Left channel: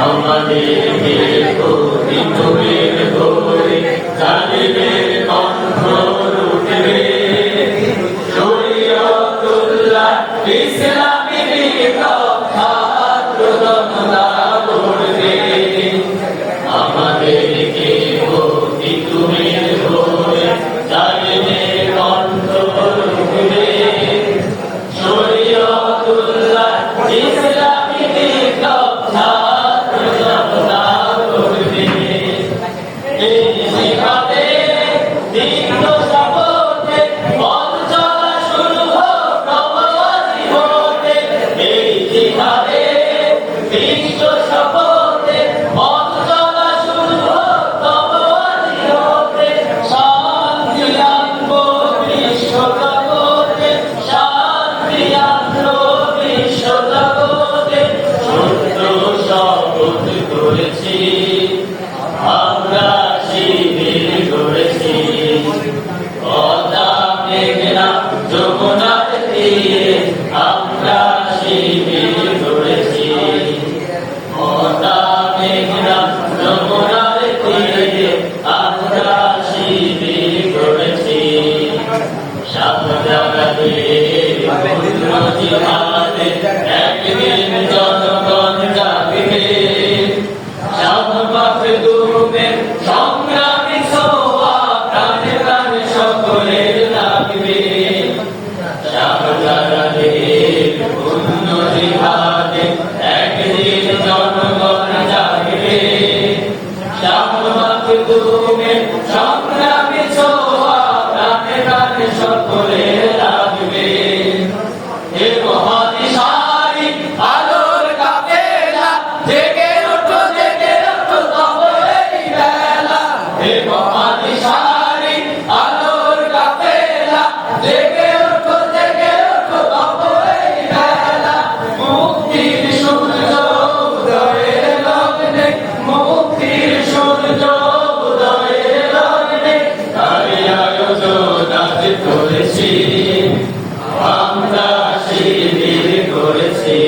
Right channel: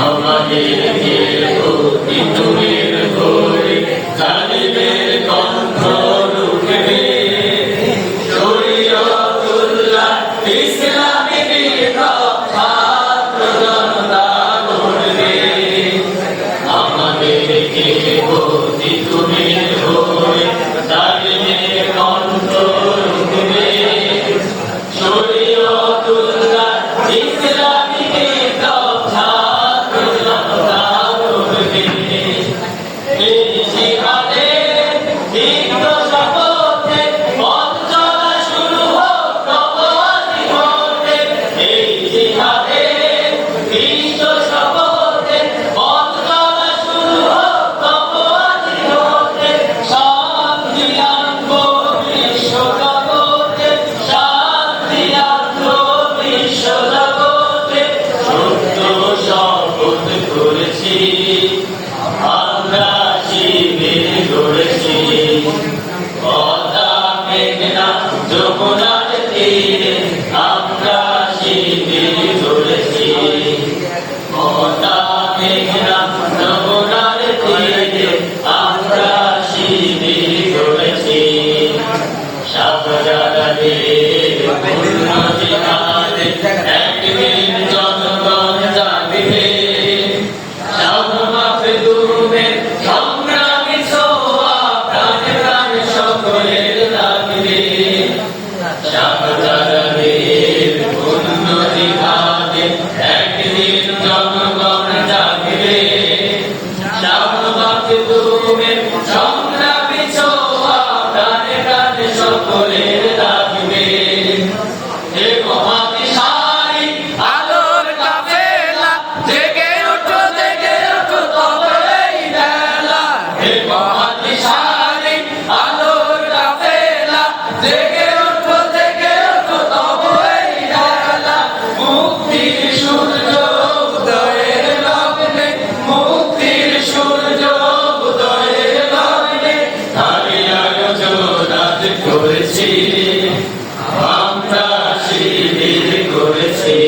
আমাদেরকে প্রতিদিনের ভোরে জালিমের কণ্ঠ রুখবে শরীয়তুল্লাহ ইসলামী বিপ্লব ছাত্র জনতা গড়বে আমাদেরকে প্রতিদিনের ভোরে জালিমের কণ্ঠ রুখবে শরীয়তুল্লাহ ইসলামী বিপ্লব ছাত্র জনতা গড়বে এই জিহাদে দীর্ঘ শপথে পথ চলা শুরু হোক প্রভাতী হতে এই জিহাদে দীর্ঘ শপথে পথ চলা শুরু হোক প্রভাতী হতে শান্তি আনবো বিশ্ব জগতে শান্তি আনবো বিশ্ব জগতে সত্য শপথ করেছি আমরা শিবির গড়েছি পদ্মা মেঘনা যমুনার তীরে আমরা শিবির গড়েছি পদ্মা মেঘনা যমুনার তীরে আমরা শিবির গড়েছি শাহজালালের পূর্ণ জিহাদে একদিন জনগণ জাগবে শাহ মাখদুমের সংগ্রামী ছোঁয়া প্রাণে প্রাণে সকলের লাগবে শাহজালালের পূর্ণ জিহাদে একদিন জনগণ জাগবে শাহ মাখদুমের সংগ্রামী ছোঁয়া প্রাণে প্রাণে সকলের লাগবে হে মহাদিশারি আলোর কাফেলা জেগে ওঠো তবে এই বেলা হে মহাদিশারি আলোর কাফেলা জেগে ওঠো তবে এই বেলা মুক্তির সূর্য উদয়ের লগ্নে মুক্তির সূর্য উদয়ের লগ্নে তারই আয়োজন আজ করেছি আমরা শিবির করেছি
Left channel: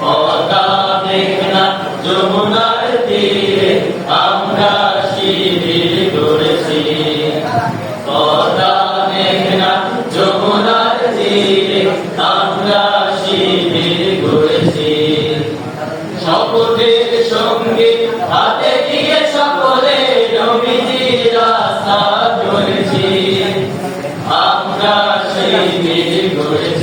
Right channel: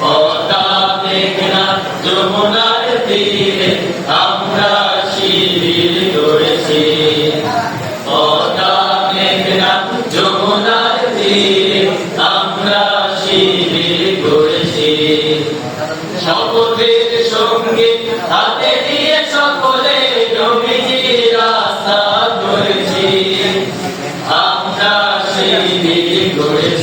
পদ্মা মেঘনা যমুনার তীরে আমরা শিবির করেছি পদ্মা মেঘনা যমুনার তীরে আমরা শিবির করেছি শপথের সঙ্গে হাতে নিয়ে সকলে নবীজির রাস্তা করেছি আমরা শিবির করেছি